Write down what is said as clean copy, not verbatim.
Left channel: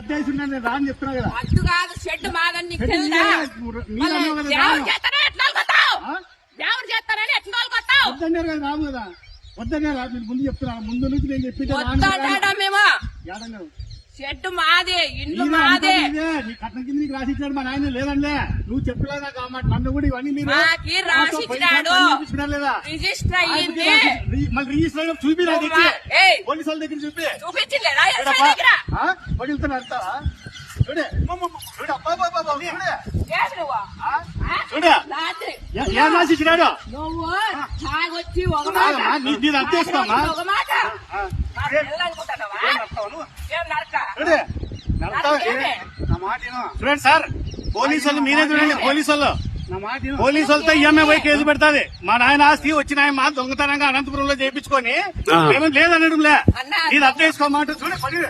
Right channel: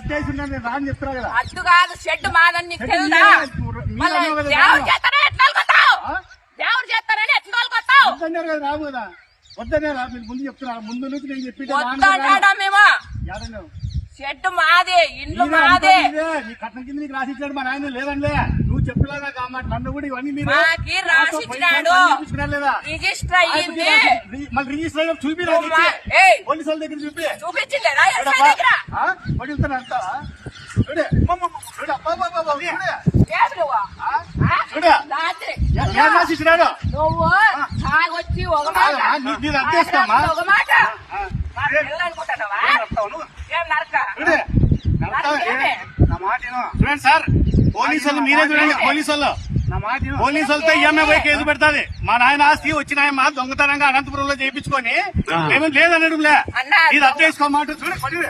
రాని చెప్తున్నా కదా. అడ్డు కాదు షెడ్ మాదని నీకు తెలుదా? దేవుడు చేస్తారని ఎట్లా కొట్టావు? వద్దన్నారు కదా రావు కదా. వద్దన్నారా మీరు ముందు చెప్తున్నారు. ముందు నుంచి నేను చెప్పి మేము షెడ్ మాదే, ఇండ్లు మాదే. నీ కట్నం కింద నీకు రాసిచ్చాడు మా నాయన లేదండి. నువ్వు చెప్పలేదా కాబట్టి నన్ను కూడా ఇవన్నీ మీరు రాసిచ్చినాడు. లేదా రిజిస్టర్ అయ్యింది. మళ్ళీ రిజిస్టర్ చూపి పోలీసు వాళ్ళ దగ్గర చూపి చూపించలేదా? వడులుతున్నా అంటావా? చూడే ఏం రాసిచ్చినాడు? నువ్వు తాగొచ్చి ఒక మీరు అర్థేస్తామా? మాట అనుకుంటున్నావా? ఏం నరక నా మాట చూడండి సార్. పోలీసు వాళ్ళు మీరే చూడండి. పోలీసు వాళ్ళు నా మాట పోలీసు వాళ్ళతో ఈఎంఐ కేసు పెడతాది. మా నాయన ఆస్తి వచ్చిన ఆయన మా దొంగతనంగా అనంతపురంలో చేయించుకొని మేము లేదనడం లే. ఇది అర్థం చేసుకోమాట చూడండి.